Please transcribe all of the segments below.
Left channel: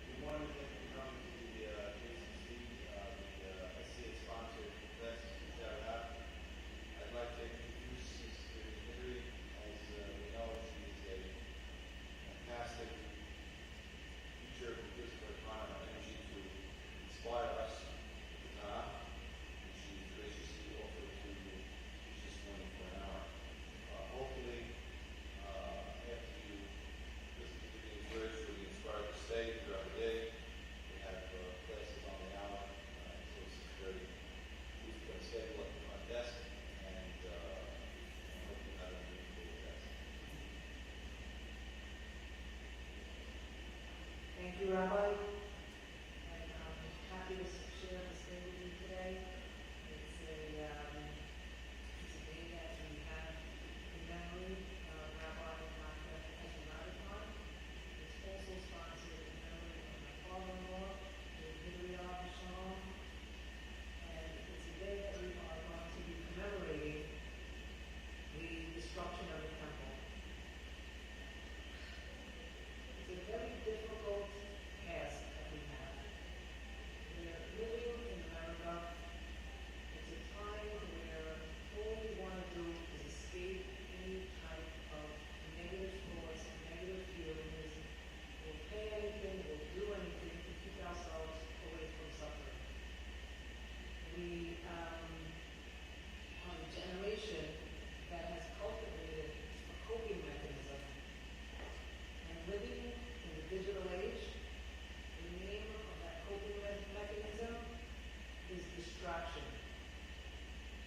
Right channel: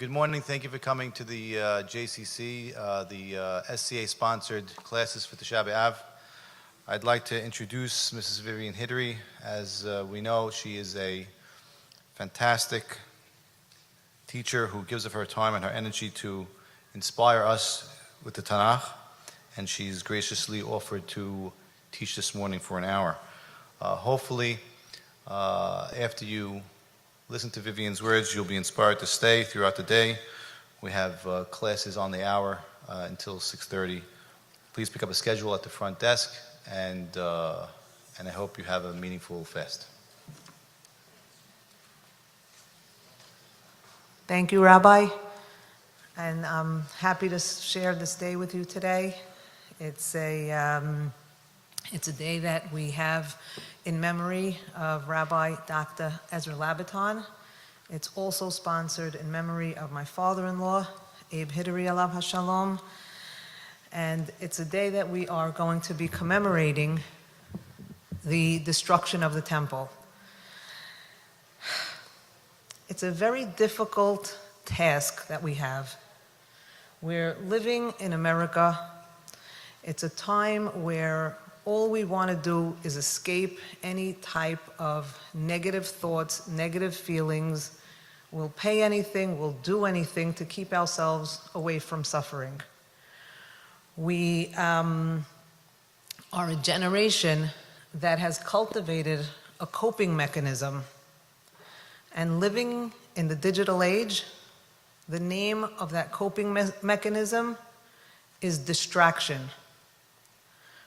Good morning. Thank you for coming to the JCC, the SCA-sponsored classes for Tish'a BeAb. I'd like to introduce Mrs. Vivien Hidary. As we know, she is a fantastic teacher who gives of her time and her energy to inspire us with the Tanakh, and she's graciously offered to teach this morning for an hour. Hopefully, after you listen to Vivien's words, you'll be inspired to stay throughout the day. We have classes on the hour until 6:30. Please pick up a schedule at the front desk, and I hope you have a meaningful fast. Thank you, Rabbi, and I'm happy to share this day with you today. It's a day that we have in memory of Rabbi Dr. Ezra Labaton. It's also sponsored in memory of my father-in-law, Abe Hidary, alav hashalom. And it's a day that we are going to be commemorating the destruction of the temple. It's a very difficult task that we have. We're living in America. It's a time where all we want to do is escape any type of negative thoughts, negative feelings. We'll pay anything, we'll do anything to keep ourselves away from suffering. We are a generation that has cultivated a coping mechanism. And living in the digital age, the name of that coping mechanism is distraction.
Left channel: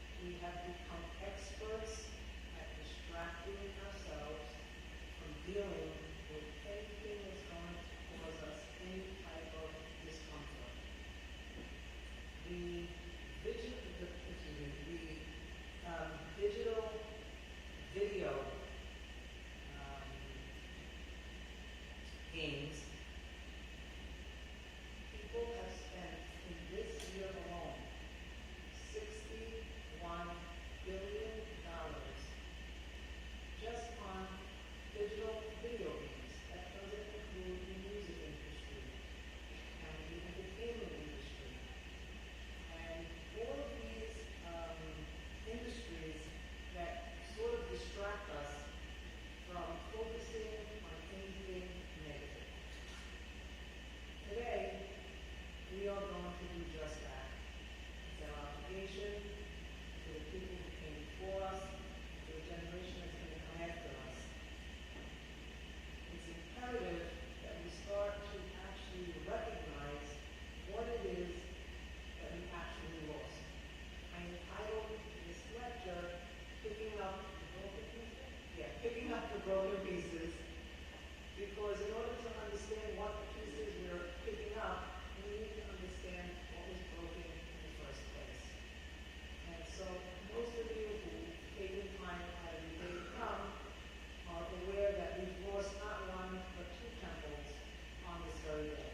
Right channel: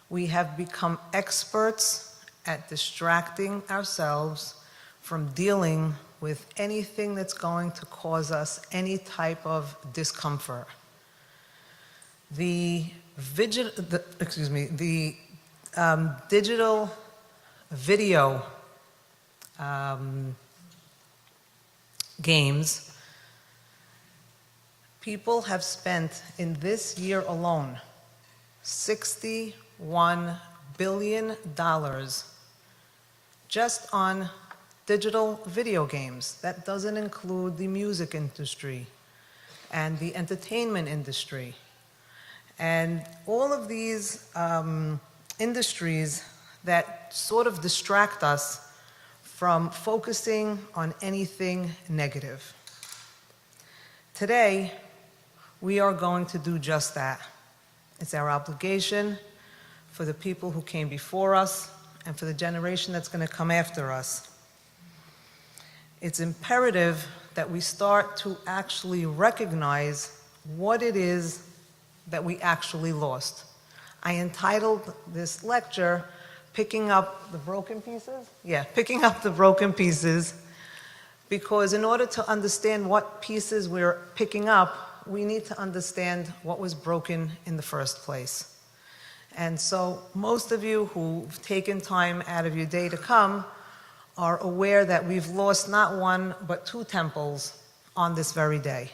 We have become experts at distracting ourselves from dealing with anything that's going to cause us any type of discomfort. The digital video games, people have spent in this year alone $61 billion just on digital video games. That doesn't include the music industry and the entertainment industry. And all of these industries that sort of distract us from focusing on anything negative. Today, we are going to do just that. It's our obligation for the people who came before us and for the generation that's going to come after us. It's imperative that we start to actually recognize what it is that we actually lost. I entitled this lecture, Picking Up the Broken Pieces? Yeah, Picking Up the Broken Pieces, because in order to understand what pieces we're picking up, we need to understand what was broken in the first place. And so most of you who've taken time out of your day to come are aware that we've lost not one, but two temples on this very day.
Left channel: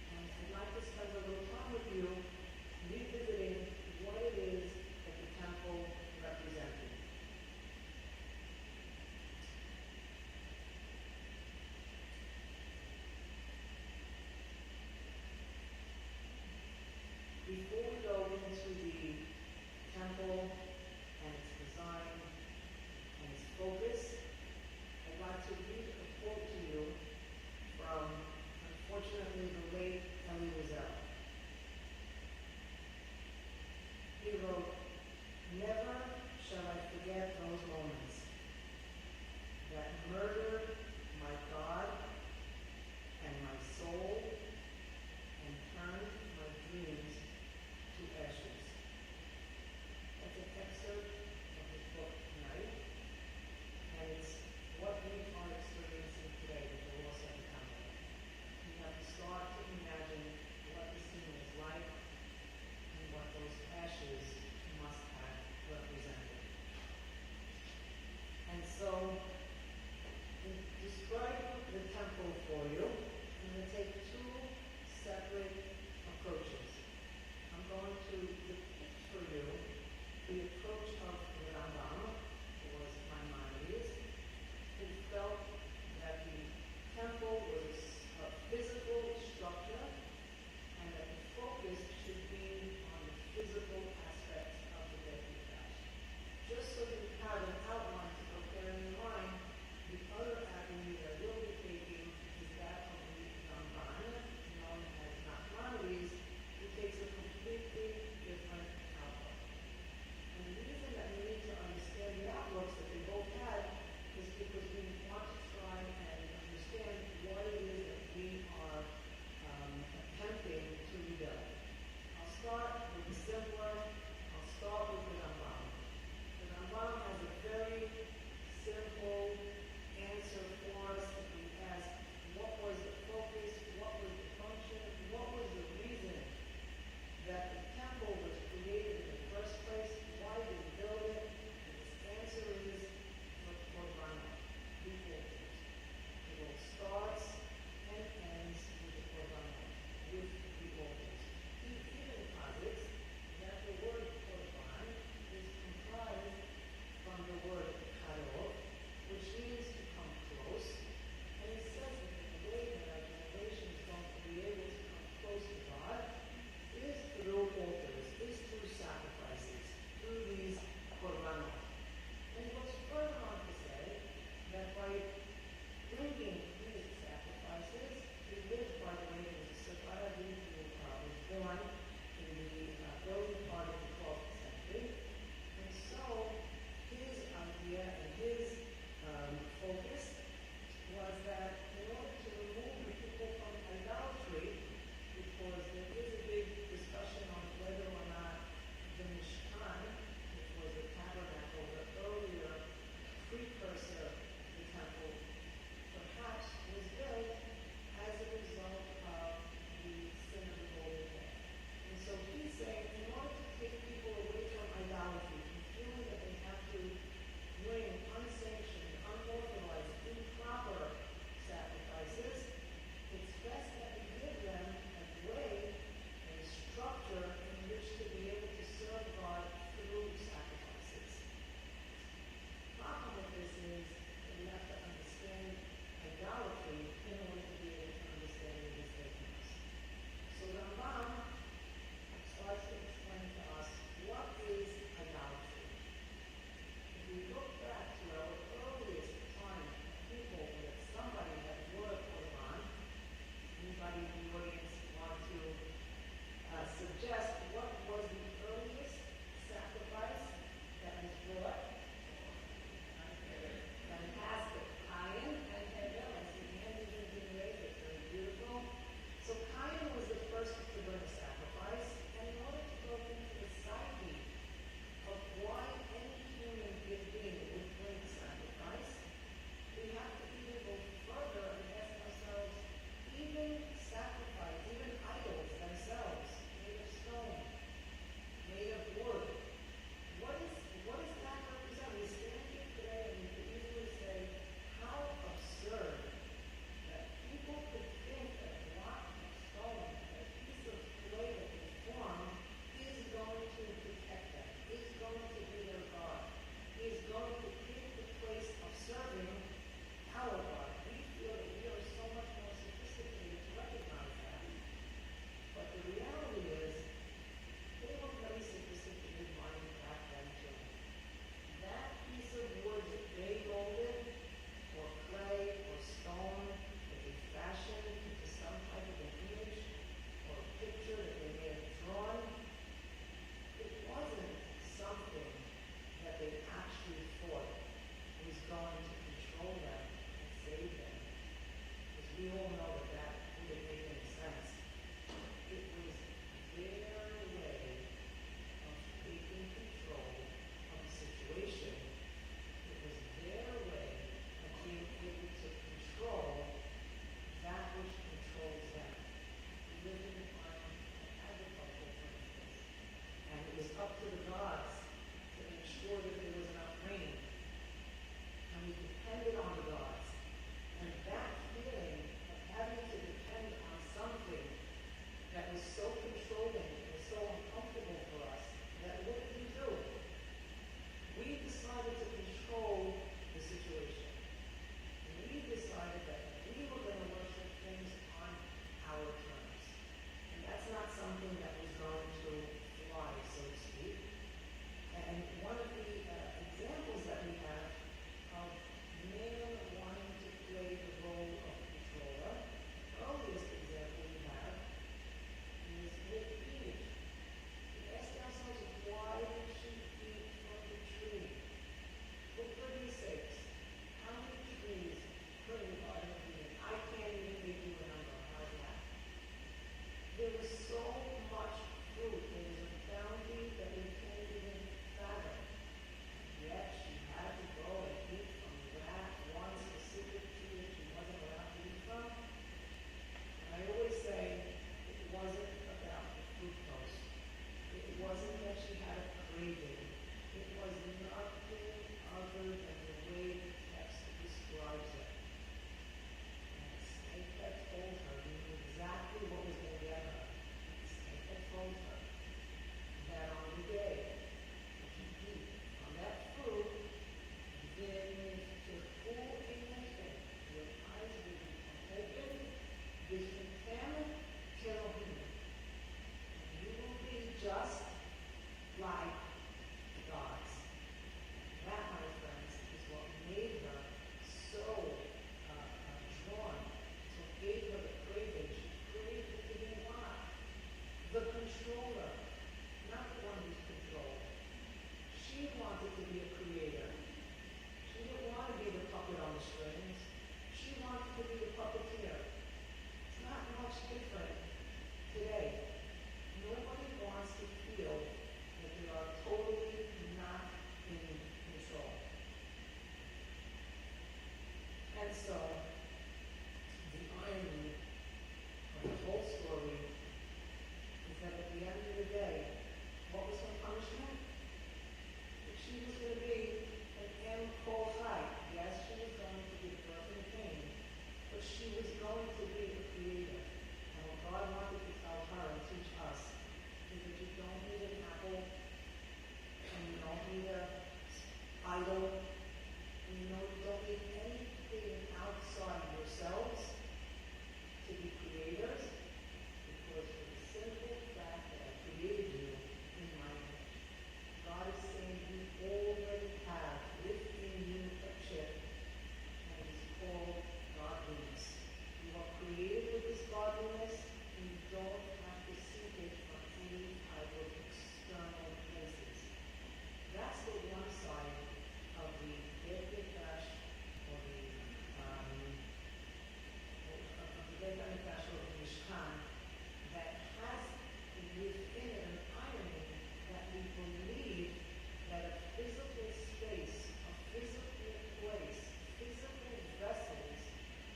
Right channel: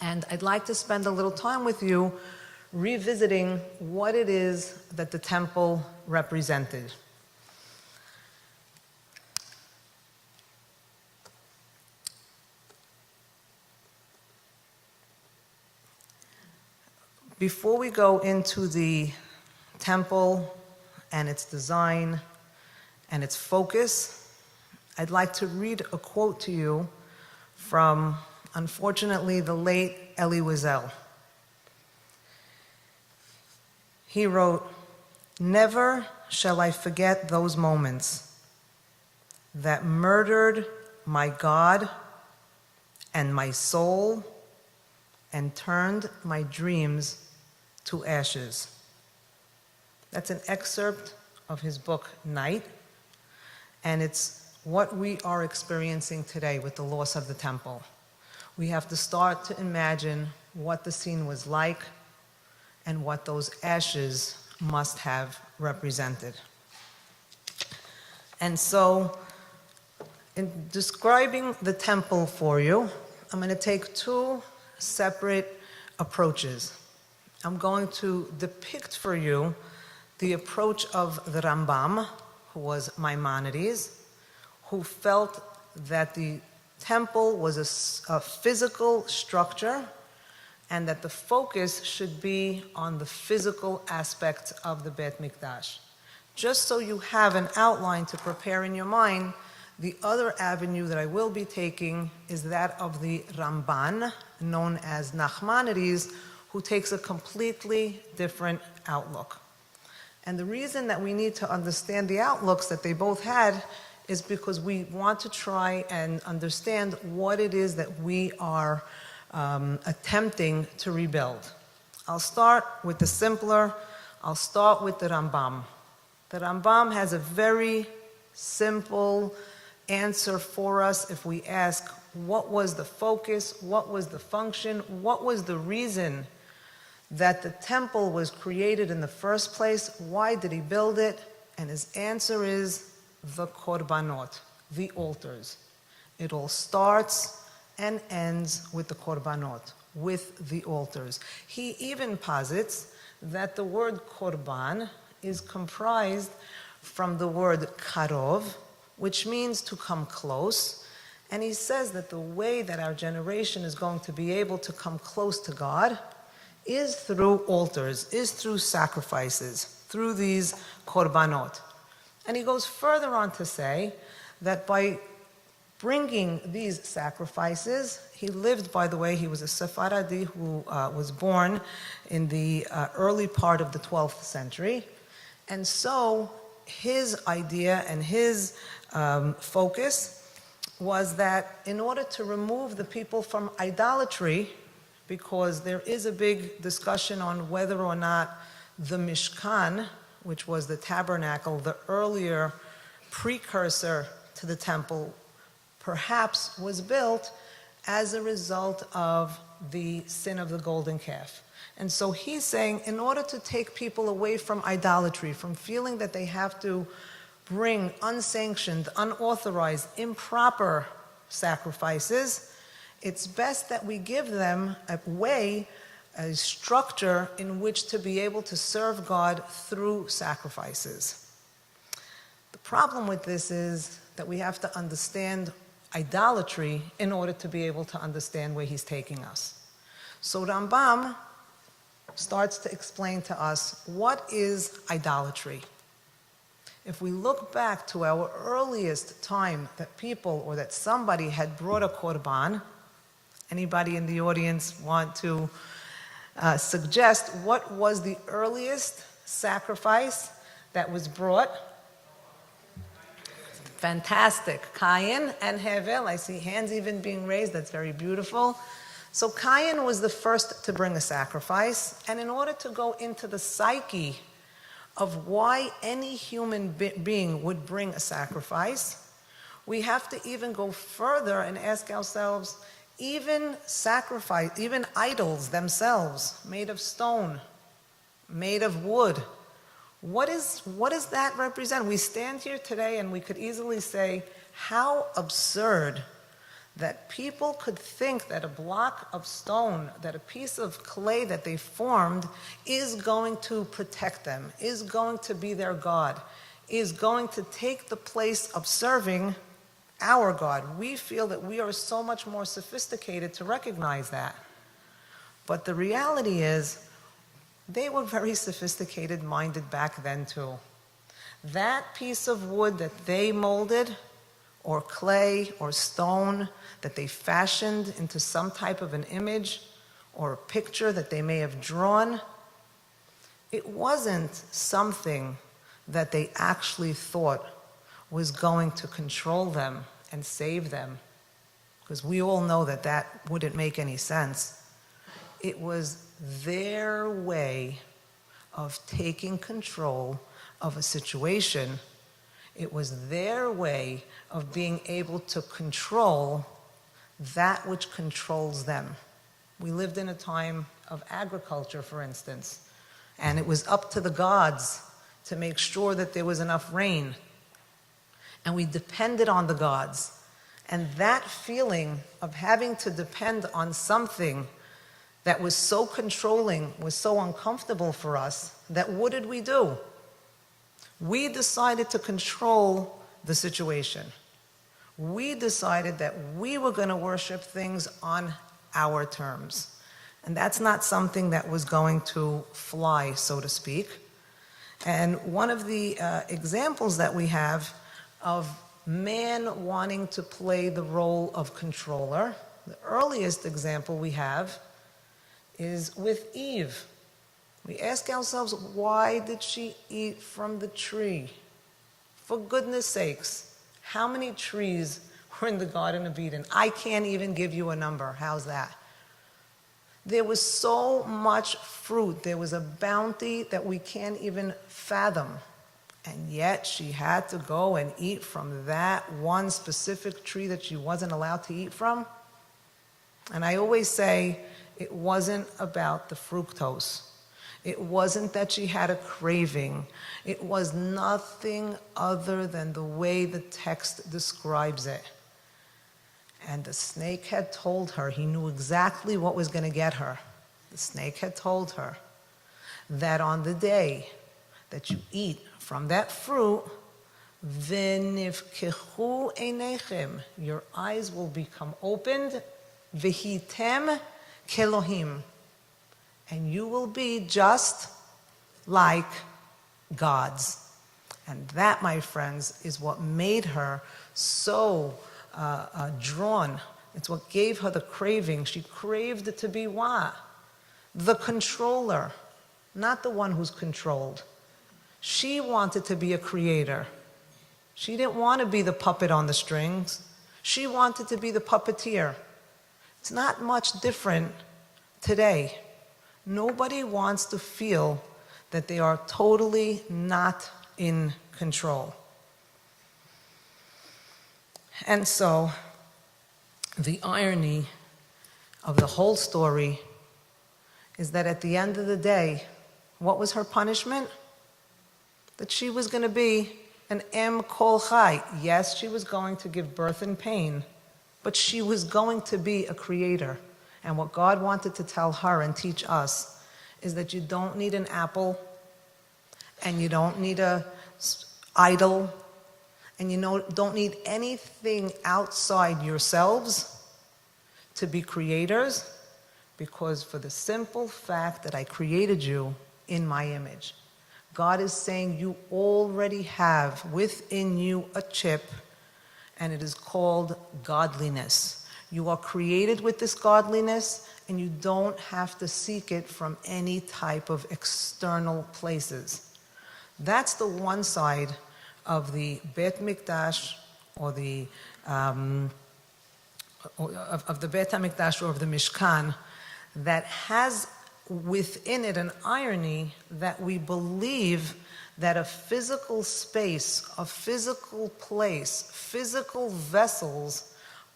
And I'd like to spend a little time with you revisiting what it is that the temple represented. Before we go into the temple and its design and its focus, I'd like to read a quote to you from, unfortunately, the late Elie Wiesel. He wrote, "Never shall I forget those moments that murdered my God and my soul and turned my dreams to ashes." That's an excerpt of his book, Night, and it's what we are experiencing today with the loss of the temple. We have to start to imagine what the scene was like and what those ashes must have represented. And so, in describing the temple for you, I'm going to take two separate approaches. I'm going to depict for you the approach of the Rambam, who was Maimonides, who felt that the temple was a physical structure, and that the focus should be on the physical aspect of the Beit Mikdash. Just so you have an outline to prepare in your mind, the other avenue that I will be taking is that of the Ramban, known as Nachmanides, who takes a completely different outlook. And the reason that we need to understand the outlooks that they both had is because we want to try and understand what it is that we are attempting to rebuild. I'll start with the simpler. I'll start with the Rambam. The Rambam has a very simple answer for us if we ask, what was the focus, what was the function, what was the reason that the temple was created in the first place? Why did he build it? And his answer is the korbanot, the altars. It all starts and ends with the korbanot, with the altars. He even posits that the word korban is comprised from the word karov, which means to come close. And he says that the way that our generation is going to be able to come close to God is through altars, is through sacrifices, through these korbanot. And he goes further on to say that by bringing these sacrifices, he lived, by the way, he was a Sephardi who was born in the early part of the 12th century. And so his idea and his focus was that in order to remove the people from idolatry, because there is a big discussion on whether or not the Mishkan, which was the tabernacle, the earlier precursor to the temple, perhaps was built as a result of the sin of the golden calf. And so he's saying, in order to take people away from idolatry, from feeling that they have to bring unsanctioned, unauthorized, improper sacrifices, it's best that we give them a way, a structure in which to be able to serve God through sacrifices. The problem with this is that we have to understand idolatry in order to be able to understand where he's taking us. So Rambam starts to explain to us what is idolatry. If we look back to our earliest time that people or that somebody had brought a korban, anybody in the audience want to suggest what was the earliest sacrifice that was brought? Fantastic. Cain and Hevel. I see hands even being raised. That's very beautiful. So Cain was the first to bring a sacrifice. And in order to go into the psyche of why any human being would bring a sacrifice, we have to even go further and ask ourselves, even sacrifice, even idols themselves, made of stone, made of wood, what does that represent? We stand here today and we could easily say, how absurd that people could think that a block of stone, that a piece of clay that they formed is going to protect them, is going to be their God, is going to take the place of serving our God. We feel that we are so much more sophisticated to recognize that. But the reality is, they were very sophisticated-minded back then too. That piece of wood that they molded, or clay, or stone, that they fashioned into some type of an image, or a picture that they may have drawn, it wasn't something that they actually thought was going to control them and save them, because we all know that that wouldn't make any sense. It was their way of taking control of a situation. It was their way of being able to control that which controls them. We lived in a time of agriculture, for instance, and it was up to the gods to make sure that there was enough rain. And we depended on the gods. And that feeling of having to depend on something that was so controlling, was so uncomfortable for us, that what did we do? We decided to control the situation. we decided that we were going to worship things on our terms. And that's not something that was going to fly, so to speak. And one of the examples that we have of man wanting to play the role of controller, the earliest example we have is with Eve. We ask ourselves, why did she eat from the tree? For goodness sakes, how many trees were in the Garden of Eden? I can't even give you a number. How's that? There was so much fruit. There was a bounty that we can't even fathom. And yet she had to go and eat from that one specific tree that she wasn't allowed to eat from. And I always say it wasn't about the fructose. It wasn't that she had a craving. It was nothing other than the way the text describes it. And the snake had told her, he knew exactly what was going to get her. The snake had told her that on the day that you eat from that fruit, v'nifkechu einechem, your eyes will become opened, v'hitem kelohim, and you will be just like gods. And that, my friends, is what made her so drawn. It's what gave her the craving. She craved to be what? The controller, not the one who's controlled. She wanted to be a creator. She didn't want to be the puppet on the strings. She wanted to be the puppeteer. It's not much different today. Nobody wants to feel that they are totally not in control. And so, the irony of the whole story is that at the end of the day, what was her punishment? That she was going to be an em kol chai. Yes, she was going to give birth in pain, but she was going to be a creator. And what God wanted to tell her and teach us is that you don't need an apple, and you don't need a idol, and you don't need anything outside yourselves to be creators, because for the simple fact that I created you in my image. God is saying you already have within you a chip, and it is called godliness. You are created with this godliness, and you don't have to seek it from any type of external places. That's the one side of the Bet Mikdash, or the of the Bet HaMikdash, or of the Mishkan, that has within it an irony that we believe that a physical space, a physical place, physical vessels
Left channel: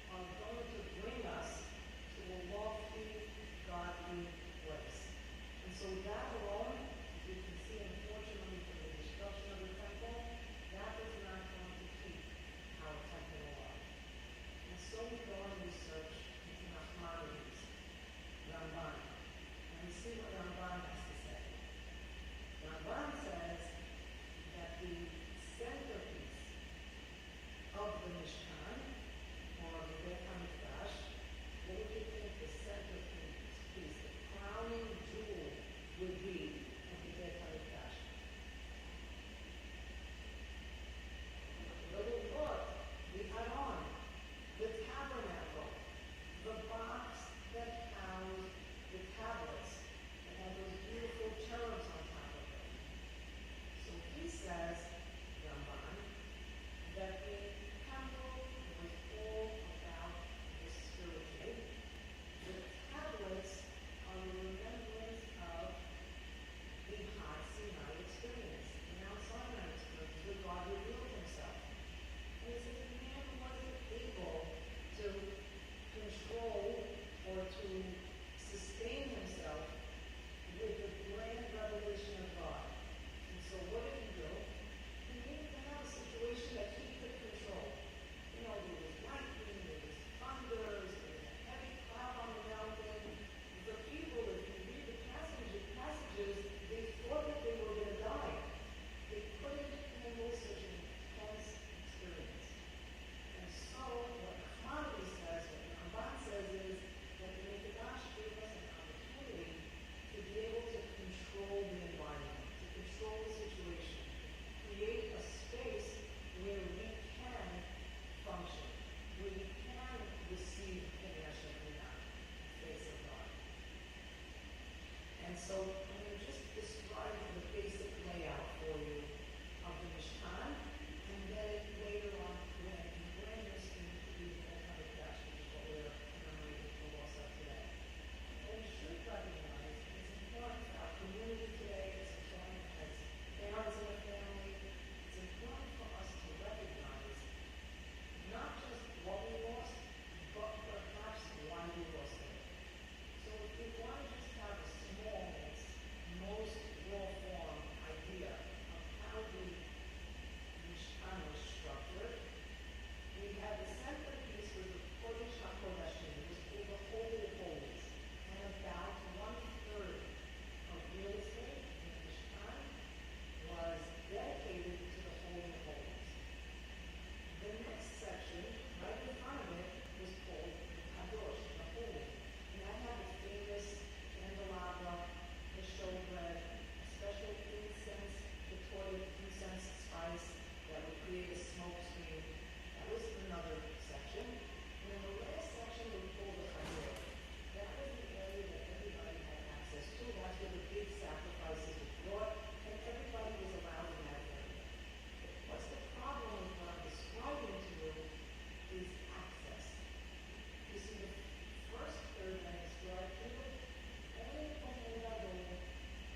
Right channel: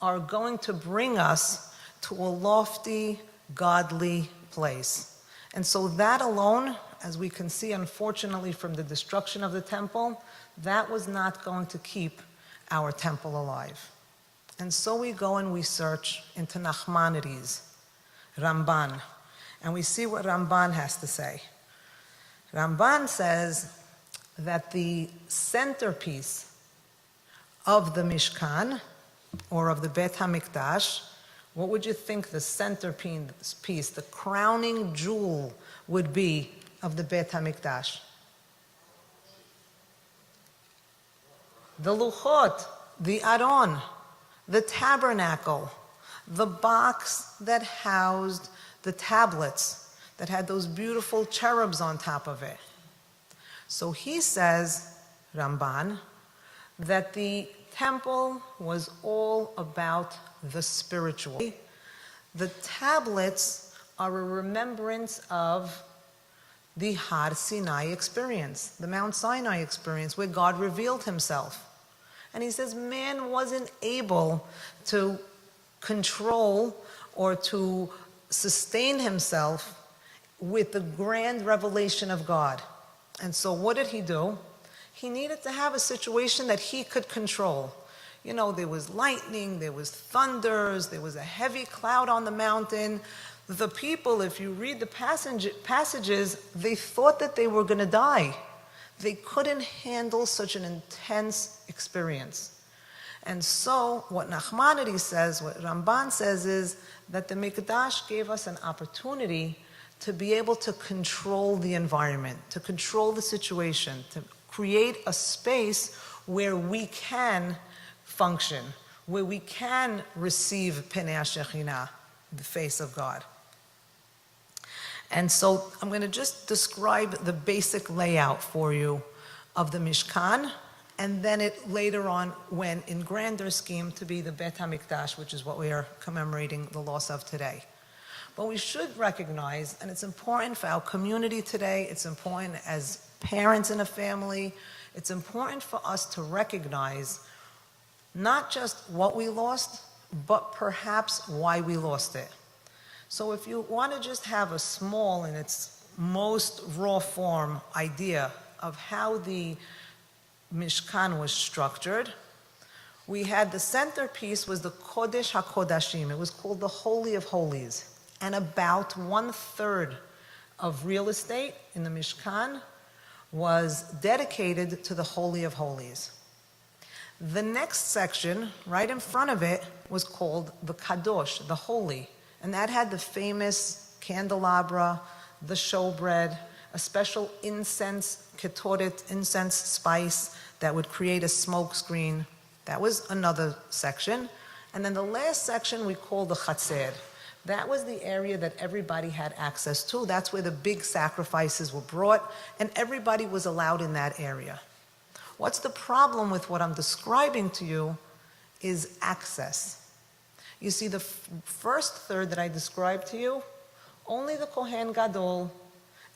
are going to bring us to a lofty, godly place. And so that alone, as we can see, unfortunately, from the destruction of the temple, that was not going to keep our temple alive. And so we go and we search into Nachmanides, Ramban, and we see what Ramban has to say. Ramban says that the centerpiece of the Mishkan, or of the Bet HaMikdash, what would you think the centerpiece, the crowning jewel would be of the Bet HaMikdash? The Luchot, the Aron, the tabernacle, the box that housed the tablets that had those beautiful cherubs on top of it. So he says, Ramban, that the temple was all about the spiritual. The tablets are a remembrance of the Har Sinai experience, the Mount Sinai experience, where God revealed himself. And he says man wasn't able to control or to sustain himself with the grand revelation of God. And so what did he do? He needed to have a situation that he could control. You know, there was lightning, there was thunders, there was a heavy cloud on the mountain. The people, if you read the passages, they thought that they were going to die. They couldn't handle such an intense experience. And so what Nachmanides says, what Ramban says is that the Mikdash gave us an opportunity to be able to control the environment, to control the situation, to create a space where we can function, where we can receive Pnei HaShekhinah, the face of God. And so I'm going to just describe the basic layout for you of the Mishkan, and then it later on went in grander scheme to be the Bet HaMikdash, which is what we are commemorating the loss of today. But we should recognize, and it's important for our community today, it's important as parents in a family, it's important for us to recognize not just what we lost, but perhaps why we lost it. So if you want to just have a small, in its most raw form, idea of how the Mishkan was structured, we had the centerpiece was the Kodesh HaKodashim. It was called the Holy of Holies. And about 1/3 of real estate in the Mishkan was dedicated to the Holy of Holies. The next section, right in front of it, was called the Kadosh, the Holy. And that had the famous candelabra, the showbread, a special incense, ketoret, incense spice that would create a smoke screen. That was another section. And then the last section we call the Chatzer. That was the area that everybody had access to. That's where the big sacrifices were brought, and everybody was allowed in that area. What's the problem with what I'm describing to you is access. You see, the first third that I described to you, only the Kohen Gadol,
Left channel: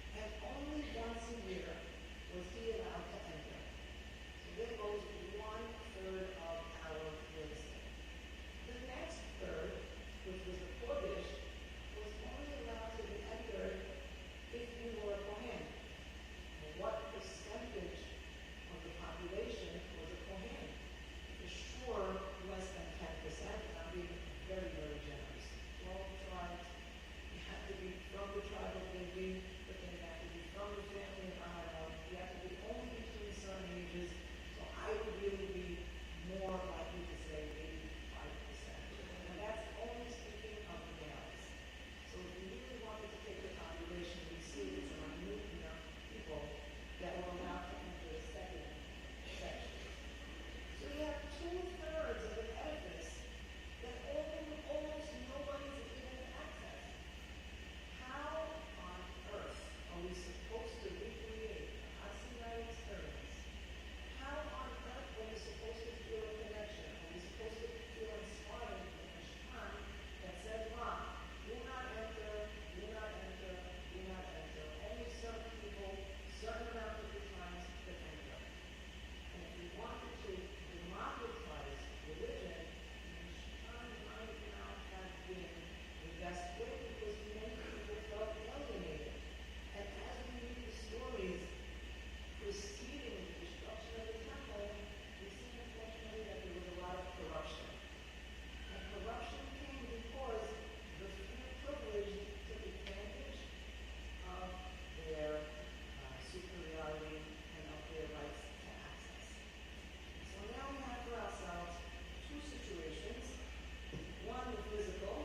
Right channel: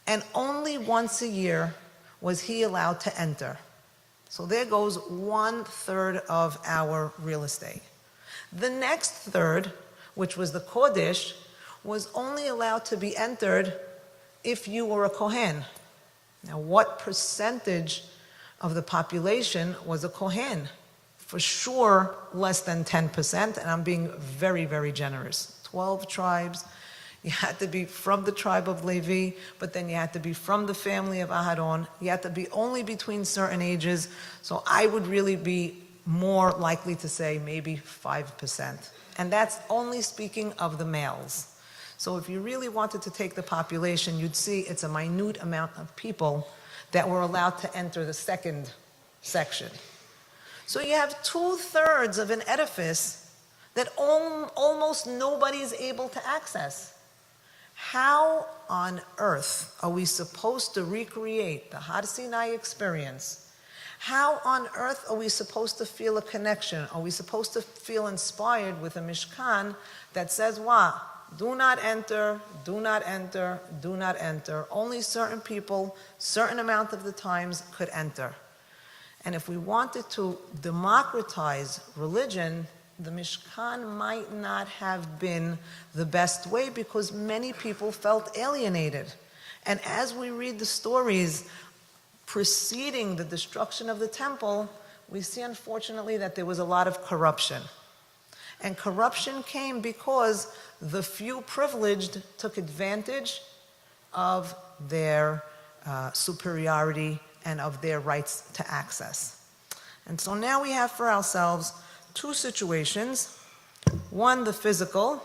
and only once a year was he allowed to enter. So there goes 1/3 of our real estate. The next third, which was the Kodesh, was only allowed to be entered if you were a Kohen. Now, what percentage of the population was a Kohen? For sure, less than 10%, and I'm being very, very generous. 12 tribes. You had to be from the tribe of Levi, but then you had to be from the family of Aharon. You had to be only between certain ages. So I would really be more likely to say maybe 5%. And that's only speaking of the males. So if you really wanted to take the population, you'd see it's a minute amount of people that were allowed to enter the second section. So you have 2/3 of an edifice that almost nobody's able to access. How on earth are we supposed to recreate the Har Sinai experience? How on earth are we supposed to feel a connection? Are we supposed to feel inspired with a Mishkan that says what? Do not enter, do not enter, do not enter. Only certain people, certain amount of the times could enter. And if we wanted to democratize religion, the Mishkan might not have been the best way because many people felt alienated. And as we read the stories preceding the destruction of the temple, we see unfortunately that there was a lot of corruption. And corruption came because the few privileged took advantage of their superiority and of their rights to access. And so now we have for ourselves two situations. One, the physical.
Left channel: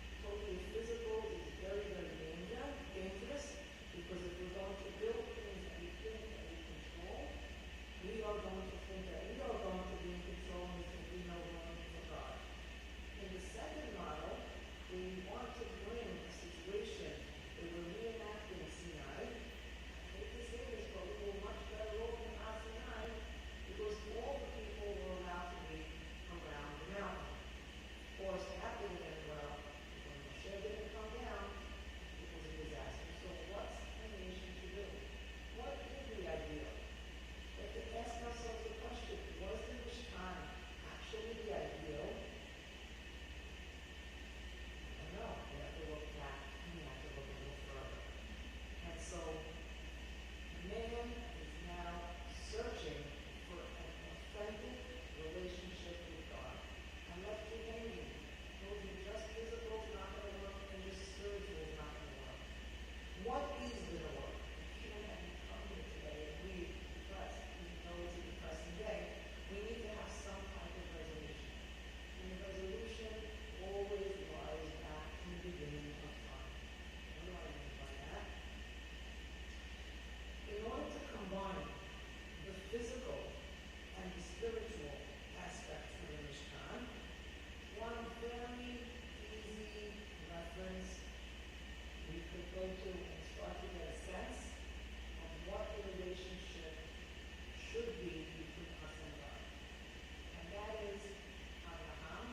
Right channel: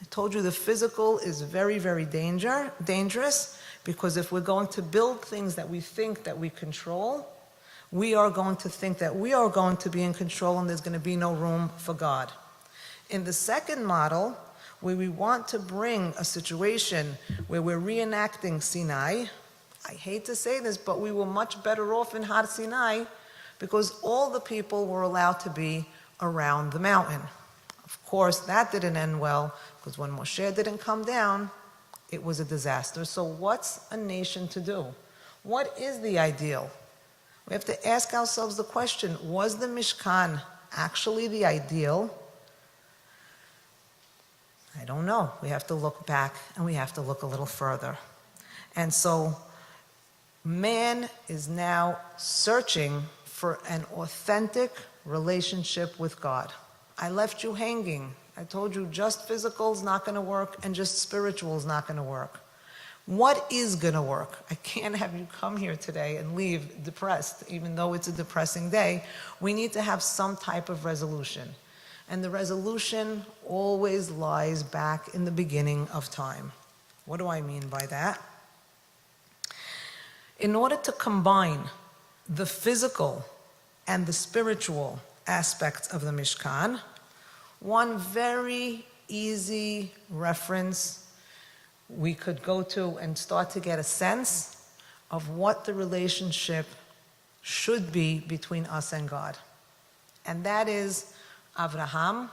I told you the physical is very, very dangerous, because if we're going to build things that we think that we control, we are going to think that we are going to be in control and there's going to be no room for God. In the second model, where we want to bring a situation where we're reenacting Sinai, I hate to say this, but we were much better off in Har Sinai because all the people were allowed to be around the mountain. Of course, that didn't end well, because when Moshe didn't come down, it was a disaster. So what's a nation to do? What is the ideal? We have to ask ourselves the question, was the Mishkan actually the ideal? I don't know. We have to look back and we have to look a little further. And so man is now searching for an authentic relationship with God. I left you hanging. I told you just physical is not going to work and just spiritual is not going to work. What is going to work? I can't have you come here today and leave depressed, even though it's a depressing day. We need to have some type of resolution. And the resolution always lies back in the beginning of time. What do I mean by that? In order to combine the physical and the spiritual aspects of the Mishkan, one very easy reference we could go to and start to get a sense of what the relationship should be between us and God. And that is Avraham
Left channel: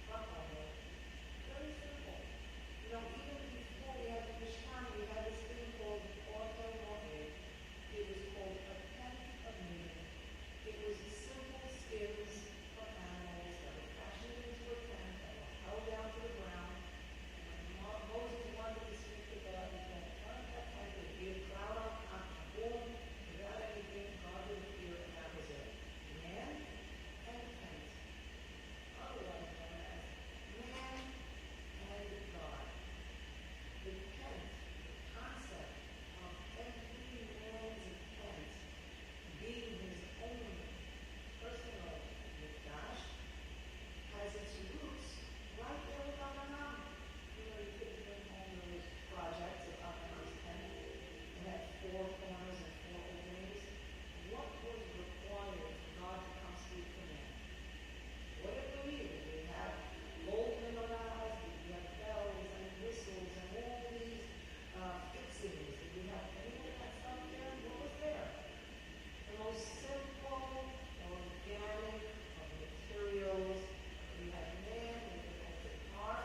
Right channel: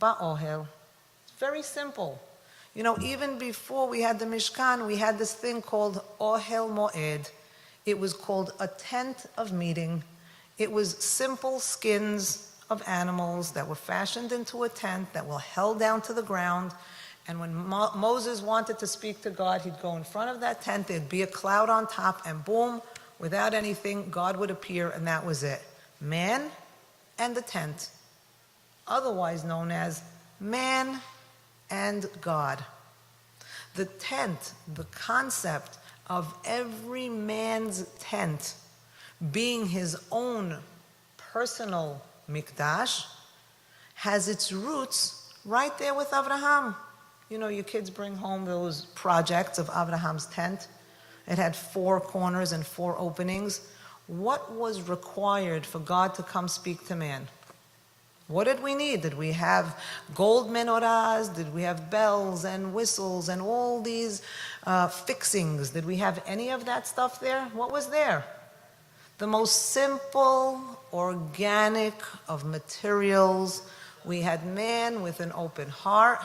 ba'ohel. It's very simple. You know, even before we had the Mishkan, we had this thing called Ohel Moed. It was called a tent of meeting. It was simple skins of animals that were fashioned into a tent that were held down to the ground. And when Moses wanted to speak to God, he'd go in front of that tent, there'd be a cloud on top, and boom, without anything, God would appear, and that was it. Man and the tent, otherwise known as man and God. The tent, the concept of every man's tent being his own personal mikdash, has its roots right there with Avraham. You know, your kids bring home those projects of Abraham's tent. It had 4 corners and 4 openings. What was required for God to come speak to man? What did we need? Did we have gold menorahs? Did we have bells and whistles and all these fixings? Did we have any of that stuff there? What was there? The most simple, organic of materials. We had man with an open heart,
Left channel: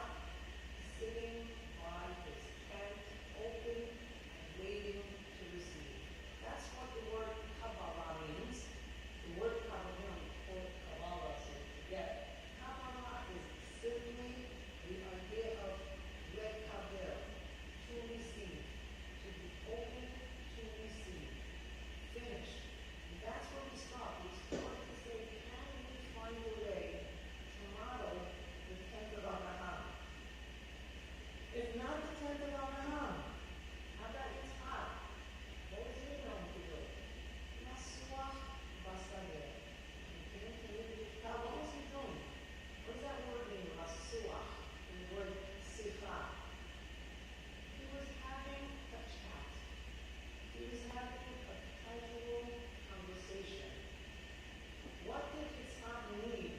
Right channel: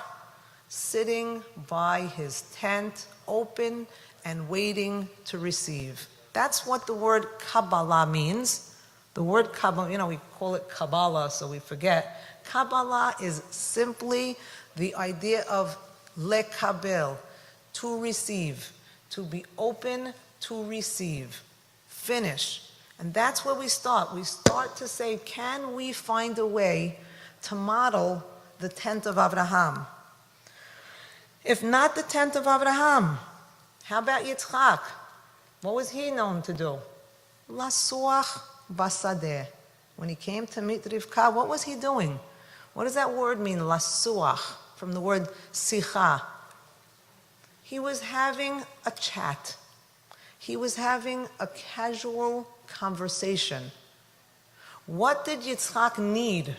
sitting by his tent, open and waiting to receive. That's what the word Kabbalah means. The word Kabbalah, you know, we call it Kabbalah, so we forget. Kabbalah is simply the idea of lekabel, to receive, to be open to receive. Finish. And that's where we start. We start to say, can we find a way to model the tent of Avraham? If not the tent of Avraham, how about Yitzchak? What was he known to do? Lasuach basadeh. When he came to meet Rivka, what was he doing? What does that word mean, lasuach, from the word sicha? He was having a chat. He was having a casual conversation. What did Yitzchak need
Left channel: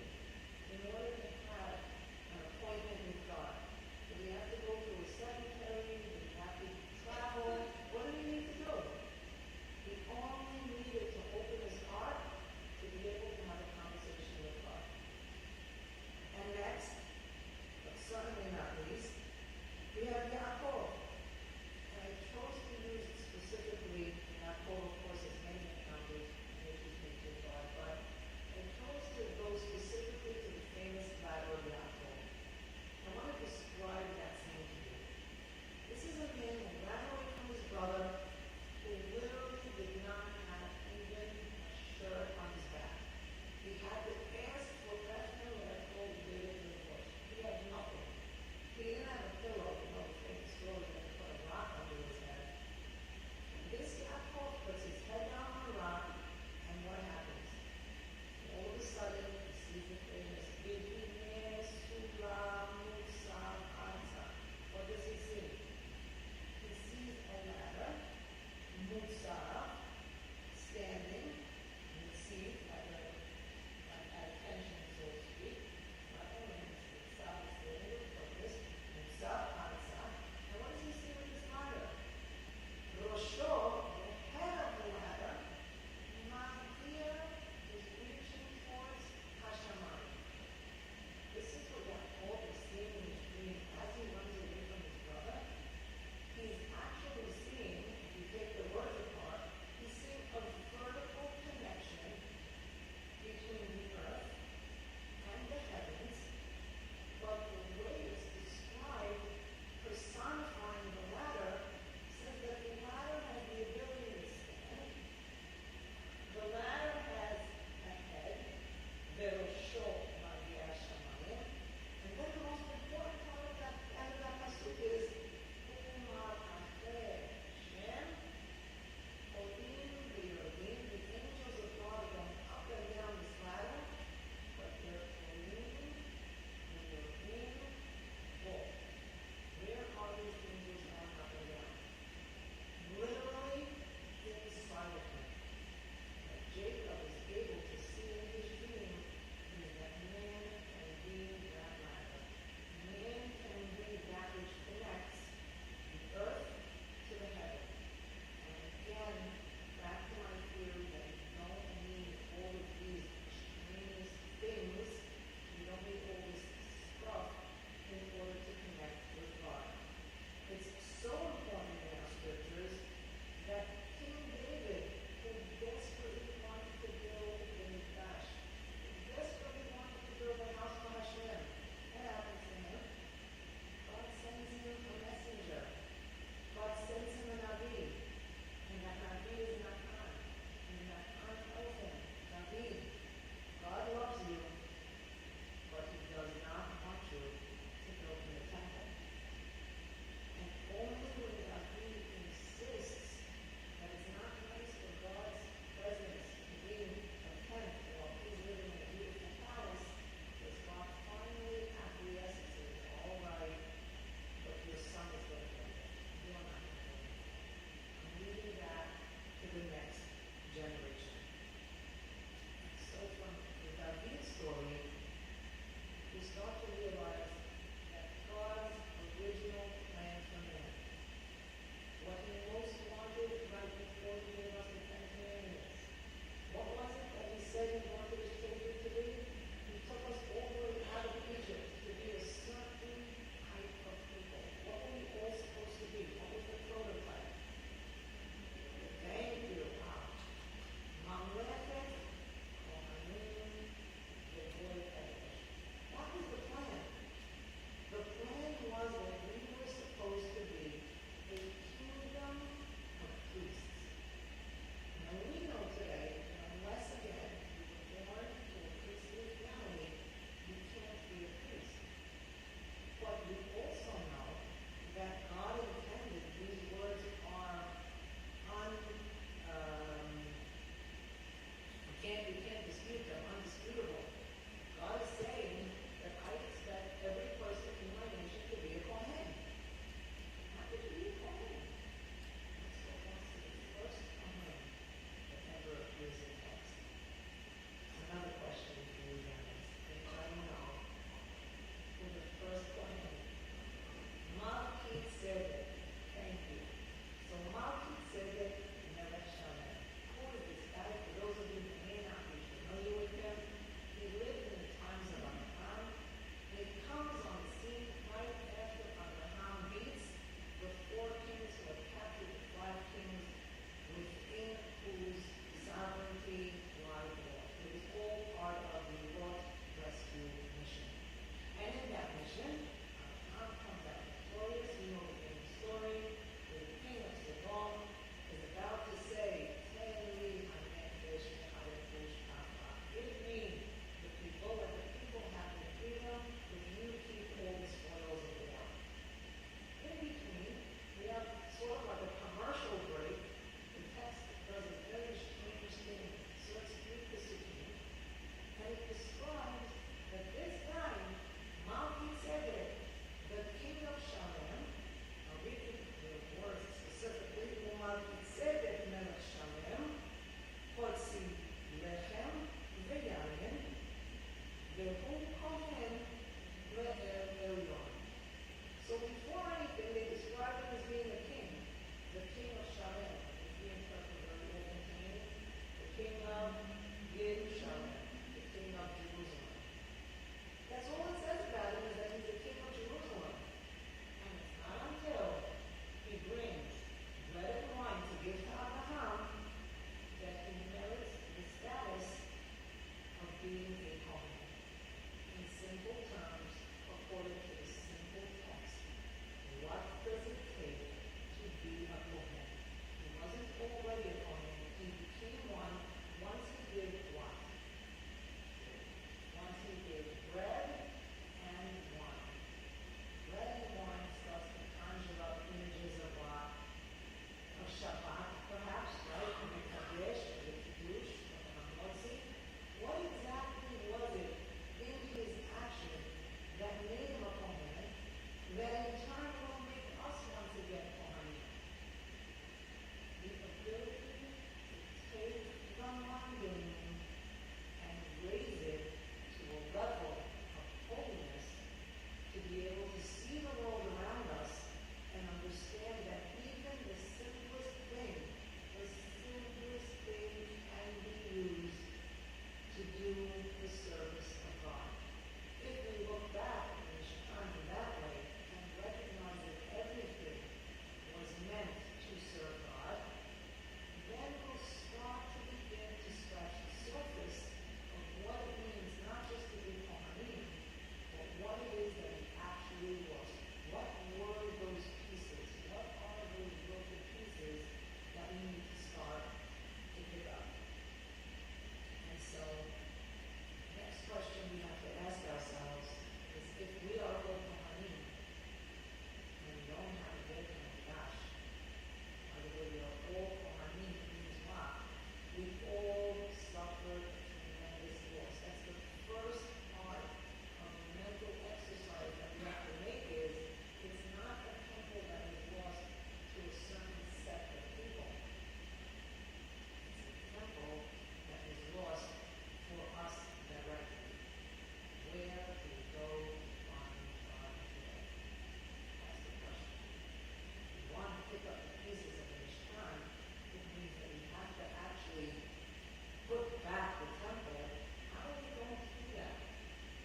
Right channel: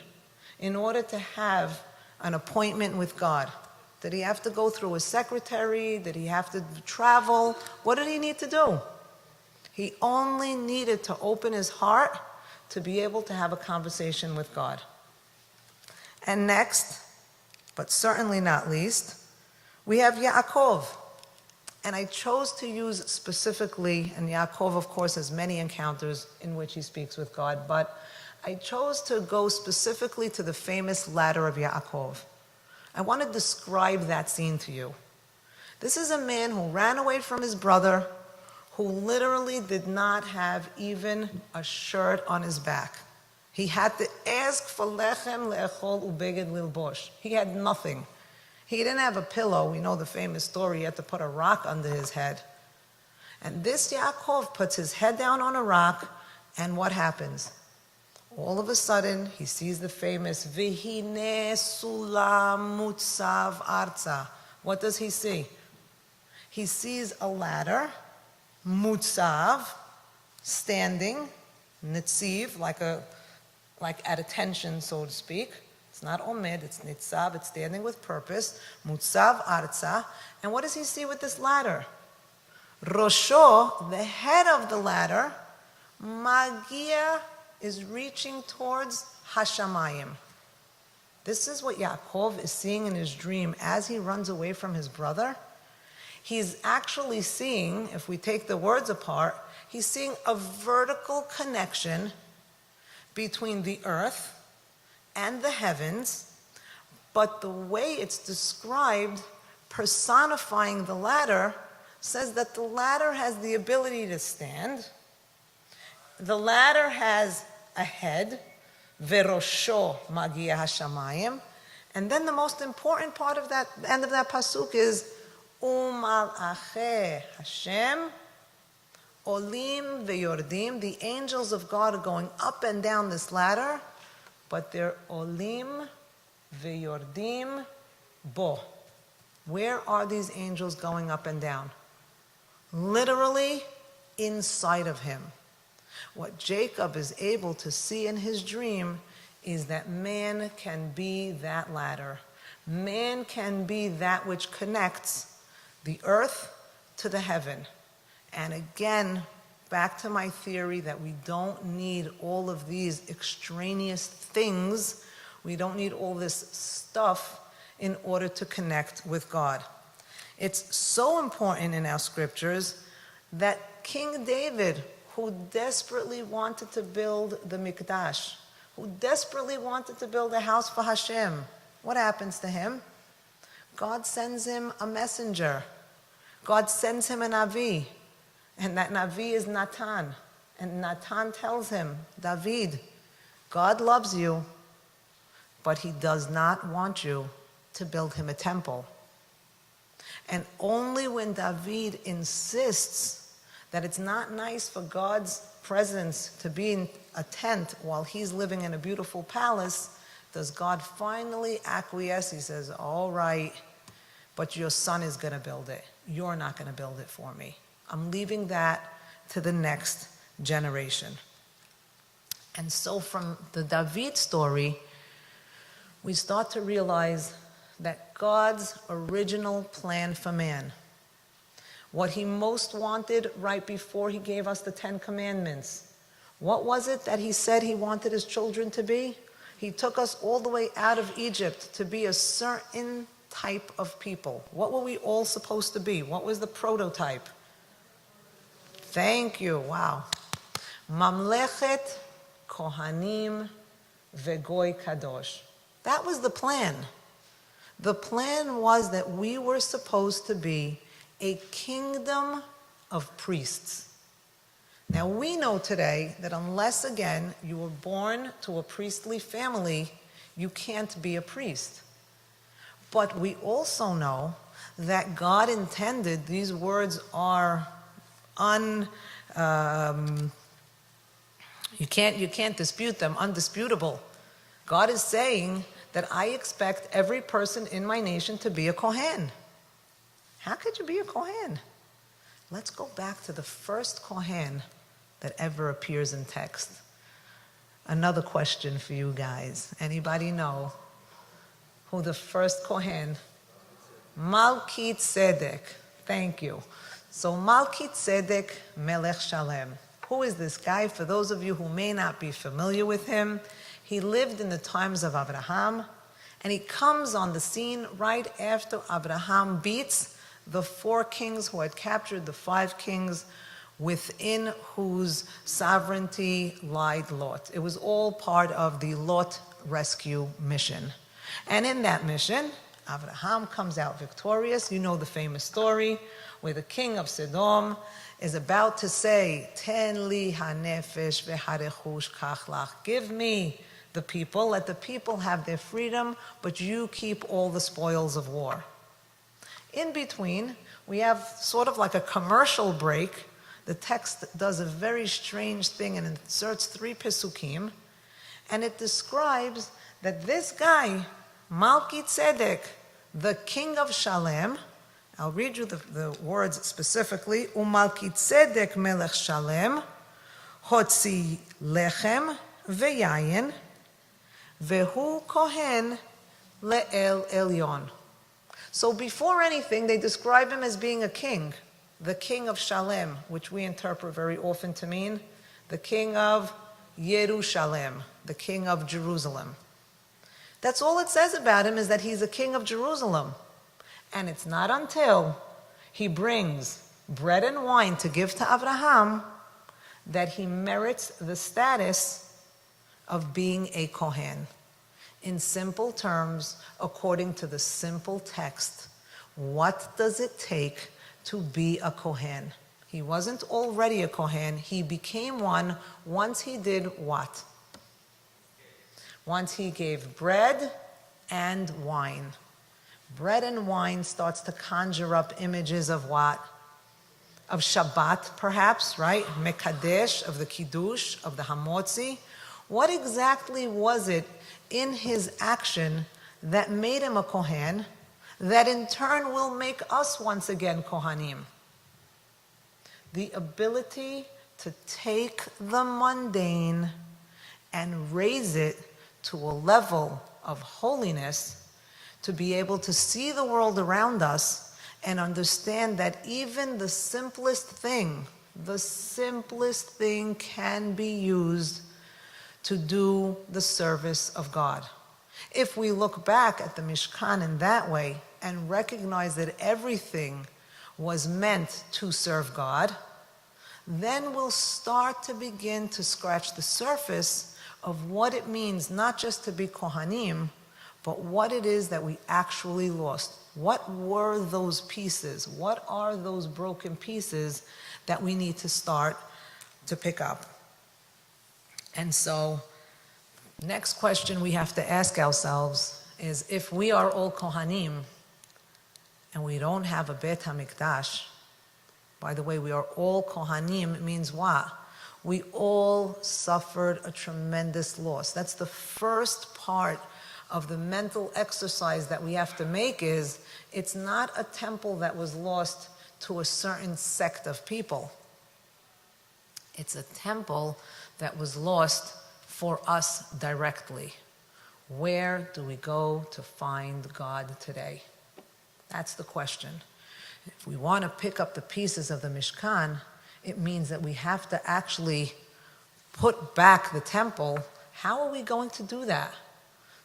in order to have an appointment with God? Did he have to go through a secretary? Did he have to travel? What did he need to do? He only needed to open his heart to be able to have a conversation with God. And next, but certainly not least, we have Yaakov. And I chose to use specifically, and Yaakov, of course, has many encounters in which he speaks with God, but I chose to go specifically to the famous ladder of Yaakov. I want to describe that scene to you. This is a man who ran away from his brother, who literally did not have even a shirt on his back. He had to ask for lechem le'echol ubeged lilbosh. He had nothing. He didn't have a pillow. You know the famous story. He had to put a rock under his head. And this Yaakov puts his head down on a rock, and what happens? All of a sudden, he sees the famous Vihine Sulam Mutsav Arza. What does he see? He sees a ladder, Mutsav, standing, Nitziv, like at attention, so to speak. It's not Omed, it's Nitzav, it's standing with purpose, Mutsav Arza. And what does he see with this ladder? Rosho, the head of the ladder, Magia, is reaching towards Hashamayim. This is what Yaakov is seeing in his dream as he runs away from his brother. He's actually seeing, if we take the words apart, he's seeing a vertical connection between the earth and the heavens, but the way it's described, personifying the ladder, says that the ladder has the ability to stand. The ladder has a head, verosho magia hashamayim, and then the most important part of that end of that pasuk is U'mal'achei Hashem olim veyordim. The angels of God are going up and down this ladder, but they're olim veyordim bo. Where are these angels going up and down? Literally inside of him. What Jacob is able to see in his dream is that man can be that ladder. Man can be that which connects the earth to the heaven. And again, back to my theory that we don't need all of these extraneous things. We don't need all this stuff in order to connect with God. It's so important in our scriptures that King David, who desperately wanted to build the Mikdash, who desperately wanted to build a house for Hashem, what happens to him? God sends him a messenger. God sends him a Navi. And that Navi is Natan. And Natan tells him, David, God loves you, but he does not want you to build him a temple. And only when David insists that it's not nice for God's presence to be in a tent while he's living in a beautiful palace, does God finally acquiesce. He says, all right, but your son is going to build it. You're not going to build it for me. I'm leaving that to the next generation. And so from the David story, we start to realize that God's original plan for man, what he most wanted right before he gave us the 10 Commandments, what was it that he said he wanted his children to be? He took us all the way out of Egypt to be a certain type of people. What were we all supposed to be? What was the prototype? Thank you. Wow. Mamlechet, Kohanim, Vegoy Kadosh. That was the plan. The plan was that we were supposed to be a kingdom of priests. Now we know today that unless, again, you were born to a priestly family, you can't be a priest. But we also know that God intended, these words are you can't dispute them, undisputable. God is saying that I expect every person in my nation to be a Kohen. How could you be a Kohen? Let's go back to the first Kohen that ever appears in text. Another question for you guys. Anybody know who the first Kohen? Melchizedek. Thank you. So Melchizedek Melech Shalem. Who is this guy? For those of you who may not be familiar with him, he lived in the times of Abraham, and he comes on the scene right after Abraham beats the 4 kings who had captured the 5 kings within whose sovereignty lied Lot. It was all part of the Lot rescue mission. And in that mission, Abraham comes out victorious. You know the famous story where the king of Sodom is about to say, Ten li hanefesh v'harechush kach lach. Give me the people, let the people have their freedom, but you keep all the spoils of war. In between, we have sort of like a commercial break. The text does a very strange thing and inserts 3 pesukim, and it describes that this guy, Melchizedek, the king of Shalem, I'll read you the words specifically, Umalchizedek melech Shalem, hotzi lechem veyayin, vehu kohen le'el elyon. So before anything, they describe him as being a king, the king of Shalem, which we interpret very often to mean the king of Yerushalem, the king of Jerusalem. That's all it says about him, is that he's a king of Jerusalem. And it's not until he brings bread and wine to give to Abraham that he merits the status of being a Kohen. In simple terms, according to the simple text, what does it take to be a Kohen? He wasn't already a Kohen. He became one once he did what? Once he gave bread and wine. Bread and wine starts to conjure up images of what? Of Shabbat, perhaps, right? Mekadesh, of the Kiddush, of the Hamotzi. What exactly was it in his action that made him a Kohen, that in turn will make us once again Kohanim? The ability to take the mundane and raise it to a level of holiness, to be able to see the world around us and understand that even the simplest thing can be used to do the service of God. If we look back at the Mishkan in that way and recognize that everything was meant to serve God, then we'll start to begin to scratch the surface of what it means not just to be Kohanim, but what it is that we actually lost. What were those pieces? What are those broken pieces that we need to start to pick up? And so, next question we have to ask ourselves is, if we are all Kohanim and we don't have a Beit HaMikdash, by the way, we are all Kohanim, it means what? We all suffered a tremendous loss. That's the first part of the mental exercise that we have to make. Is it's not a temple that was lost to a certain sect of people. It's a temple that was lost for us directly. Where do we go to find God today? That's the question. If we want to pick up the pieces of the Mishkan, it means that we have to actually put back the temple. How are we going to do that?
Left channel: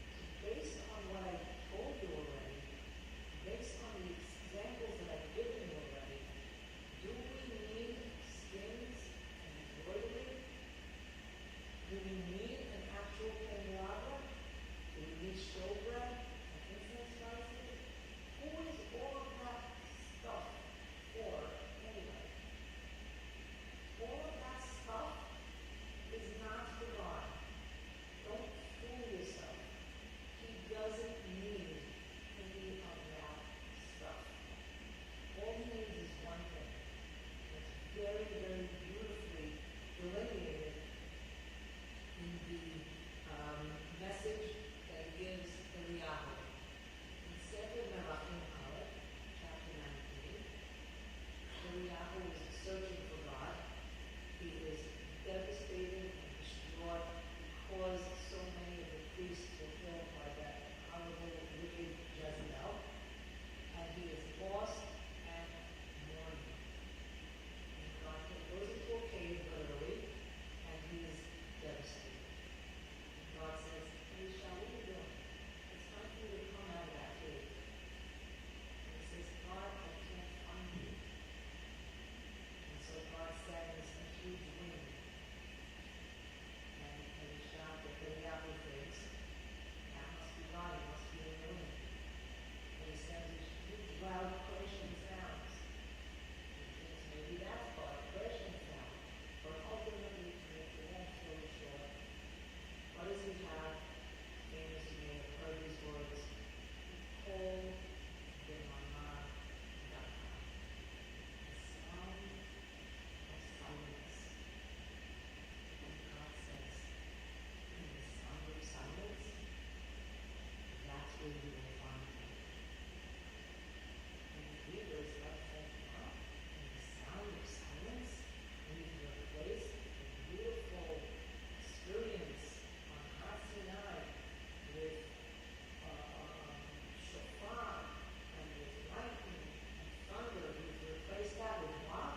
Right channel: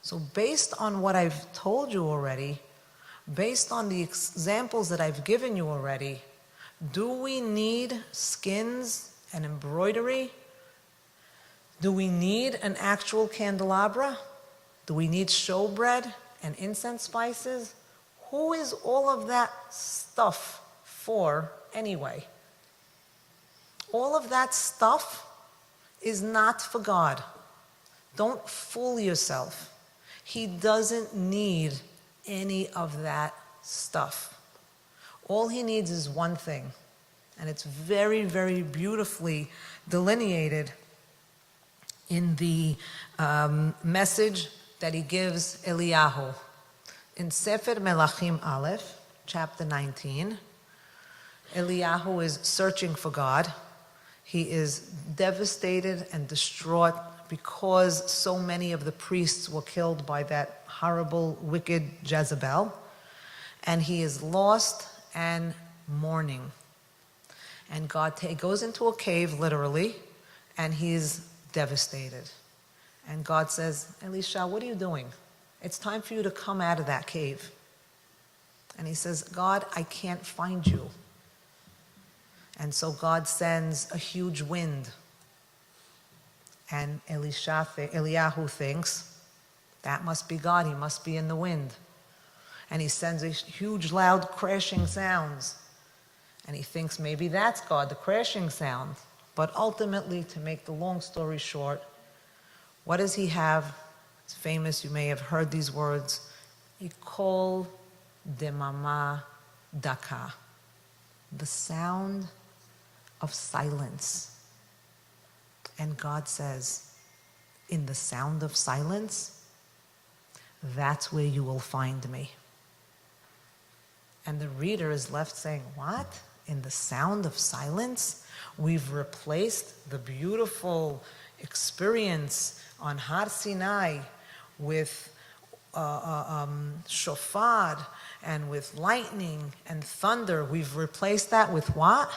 So based on what I've told you already, based on the examples that I've given you already, do we need skins and embroidery? Do we need an actual candelabra? Do we need showbread and incense spices? Who is all of that stuff for anyway? All of that stuff is not for God. Don't fool yourself. He doesn't need any of that stuff. All he needs is one thing, and it's very, very beautifully delineated in the message that he gives Eliyahu. In Sefer Melachim Aleph, chapter 19, Eliyahu is searching for God. He is devastated and distraught because so many of the priests were killed by that horrible, wicked Jezebel. And he is lost and mourning. And God goes into a cave, literally, and he's devastated. And God says, Elisha, what are you doing? It's time for you to come out of that cave. And he says, God, I can't find you. And so God sends a huge wind. And Eliyahu thinks, that must be God, he must be in the wind. And he sends a huge loud crashing sounds. And he thinks maybe that's God, the crashing sound. But ultimately, to make the long story short, what does he have? It's famous, you may have heard these words. Ikol demama daka. The sound of silence. And God says, in the sound of silence, that's where you will find me. And the reader is left saying, what? In the sound of silence? We've replaced the beautiful experience on Har Sinai with shofar and with lightning and thunder. We've replaced that with what?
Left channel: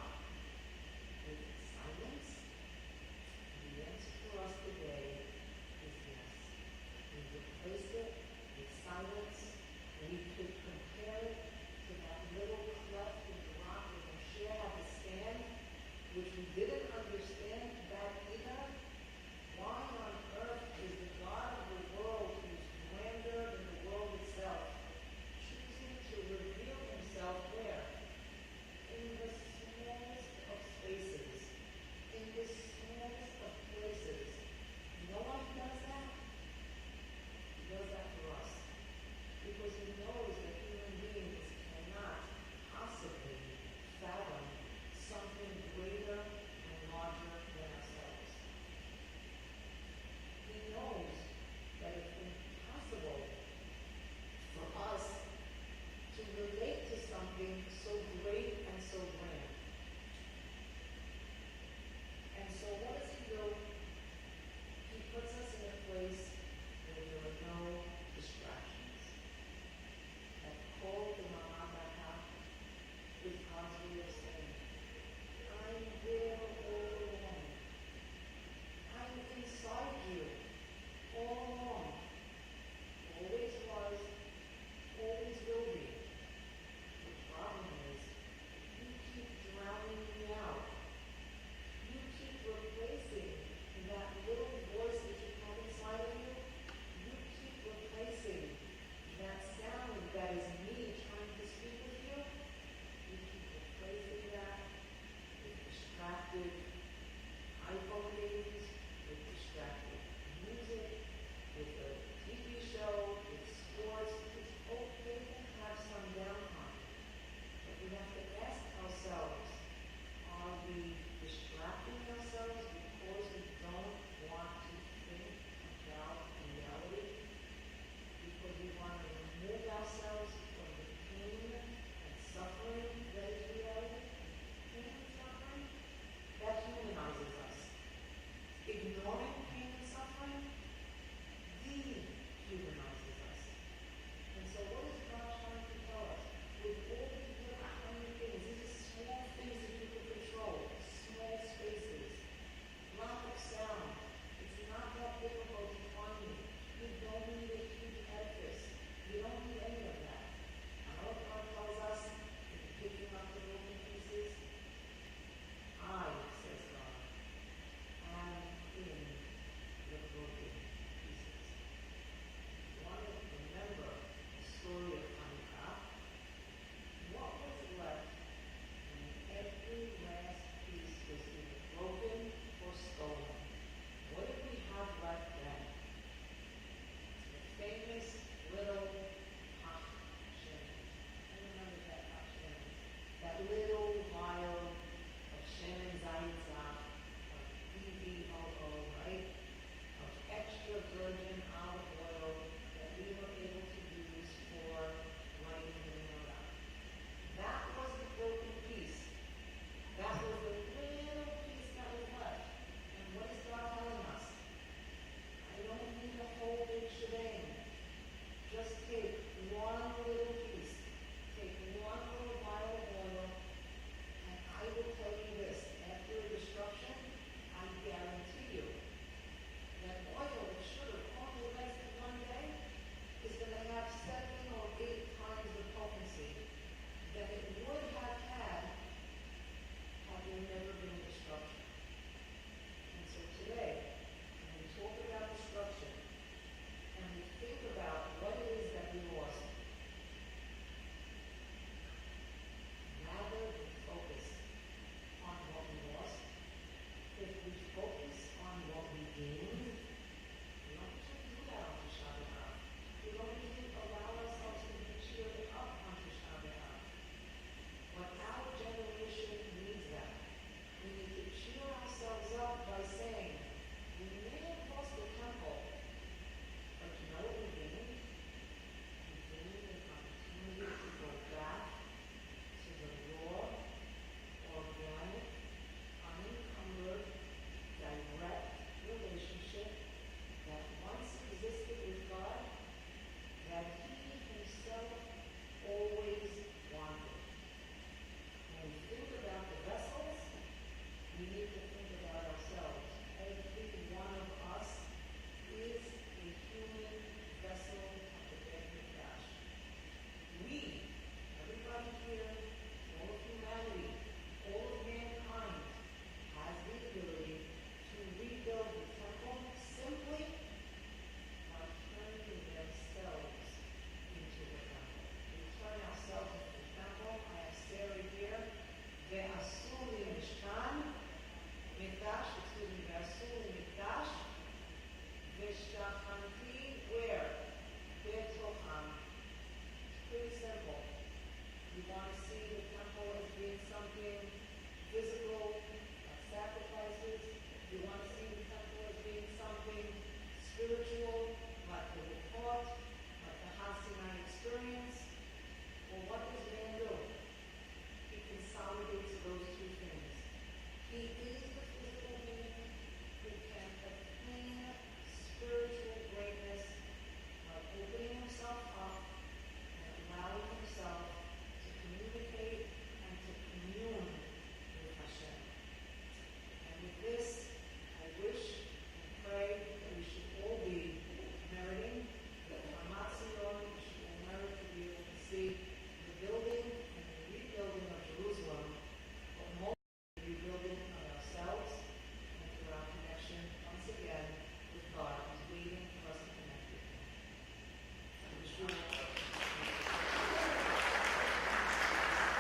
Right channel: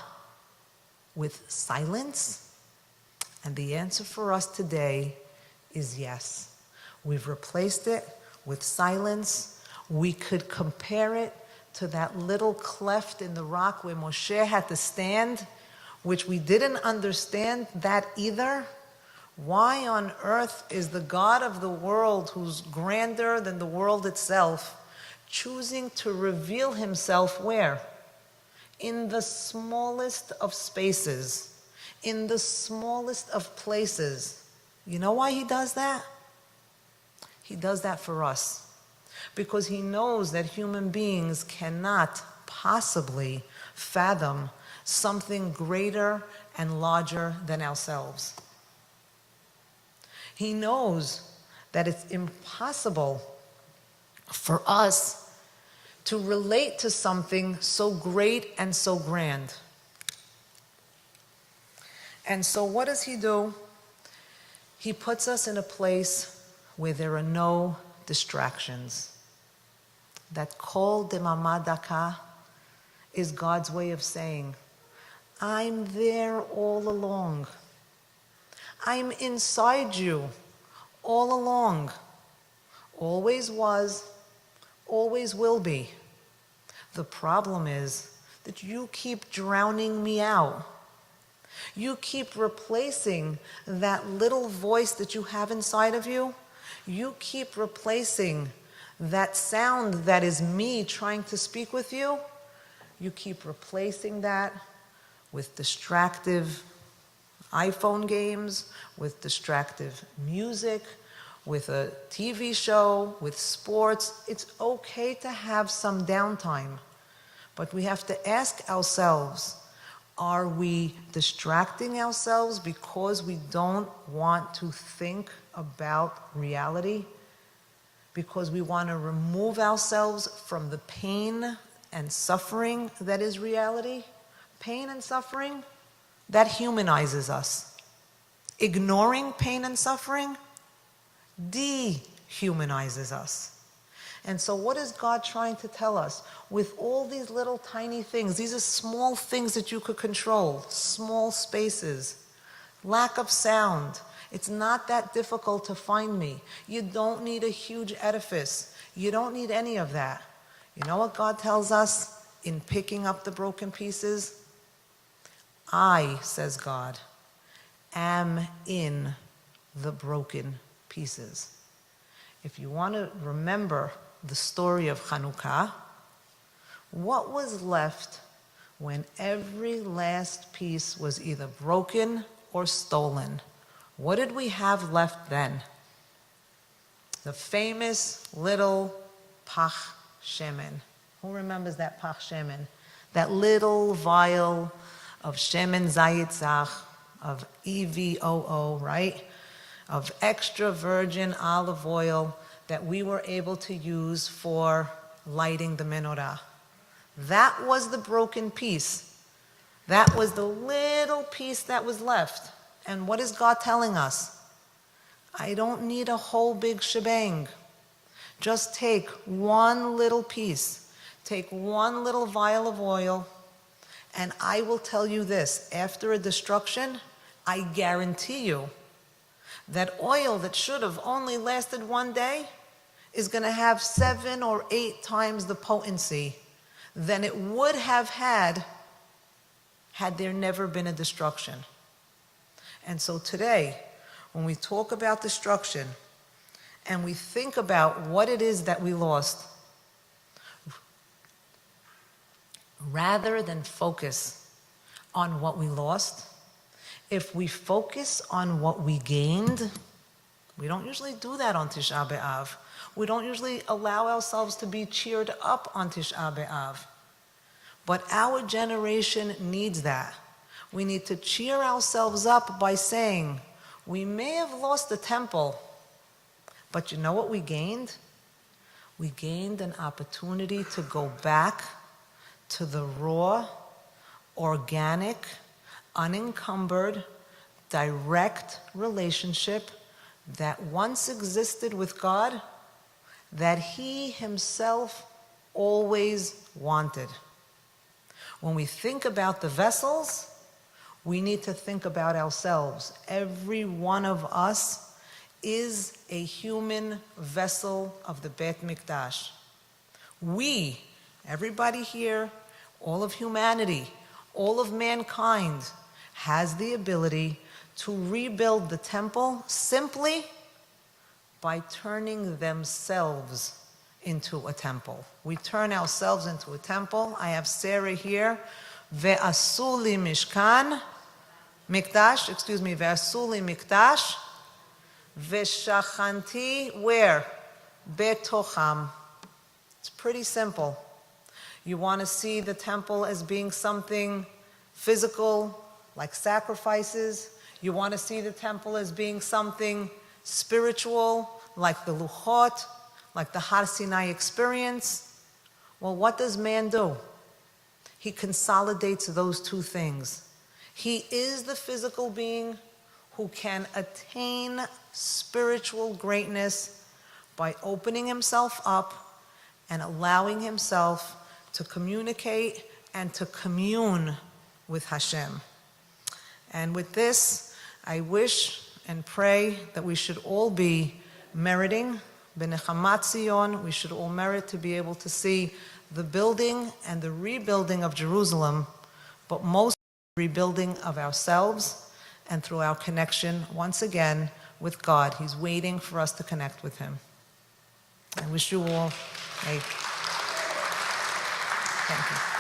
With silence? And the answer for us today is yes. We've replaced it with silence. We could compare it to that little cleft in the rock where Moshe had to stand, which we didn't understand that either. Why on earth is the God of the world, who's grander than the world itself, choosing to reveal himself where? In the smallest of spaces, in the smallest of places. You know why he does that? He does that for us. because he knows that human beings cannot possibly fathom something greater and larger than ourselves. He knows that it's impossible for us to relate to something so great and so grand. And so what does he do? He puts us in a place where there are no distractions. That kol demama daka is God's way of saying, I'm there all along. I'm inside you all along. Always was, always will be. The problem is that you keep drowning me out. You keep replacing that little voice that you have inside of you. You keep replacing that sound that is me trying to speak with you. You keep replacing that with distractive iPhone games, with distractive music, with a TV show, with sports. It's okay to have some downtime, but we have to ask ourselves, are we distracting ourselves because we don't want to think about reality? Because we want to remove ourselves from the pain and suffering that is reality? Pain and suffering, that humanizes us. Ignoring pain and suffering dehumanizes us. And so what is God trying to tell us? With all these little tiny things, these are small things that you could control, small spaces, lack of sound. It's not that difficult to find me. You don't need a huge edifice. You don't need any of that. You know what God tells us in picking up the broken pieces? I, says God, am in the broken pieces. If you want to remember the story of Hanukkah, what was left when every last piece was either broken or stolen? What did we have left then? The famous little pach shemen. Who remembers that pach shemen? That little vial of shemen zayitzach, of EVOO, right? Of extra virgin olive oil that we were able to use for lighting the menorah. That was the broken piece. That was the little piece that was left. And what is God telling us? I don't need a whole big shebang. Just take one little piece. Take one little vial of oil, and I will tell you this, after a destruction, I guarantee you that oil that should have only lasted one day is going to have 7 or 8 times the potency than it would have had there never been a destruction. And so today, when we talk about destruction and we think about what it is that we lost, rather than focus on what we lost, if we focus on what we gained, we don't usually do that on Tish'a BeAb. We don't usually allow ourselves to be cheered up on Tish'a BeAb. But our generation needs that. We need to cheer ourselves up by saying, we may have lost the temple, but you know what we gained? We gained an opportunity to go back to the raw, organic, unencumbered, direct relationship that once existed with God, that He Himself always wanted. When we think about the vessels, we need to think about ourselves. Every one of us is a human vessel of the Beit Mikdash. We, everybody here, all of humanity, all of mankind, has the ability to rebuild the temple simply by turning themselves into a temple. We turn ourselves into a temple. I have Sarah here. Ve'asu li mishkan, mikdash, ve'asu li mikdash, ve'shachanti, where? Betocham. It's pretty simple. You want to see the temple as being something physical, like sacrifices. You want to see the temple as being something spiritual, like the Luchot, like the Har Sinai experience. Well, what does man do? He consolidates those two things. He is the physical being who can attain spiritual greatness by opening himself up and allowing himself to communicate and to commune with Hashem. And with this, I wish and pray that we should all be meriting B'nechamat Zion. We should all merit to be able to see the building and the rebuilding of Jerusalem, but most the rebuilding of ourselves and through our connection, once again, with God. He's waiting for us to connect with Him. I wish you all a... Thank you.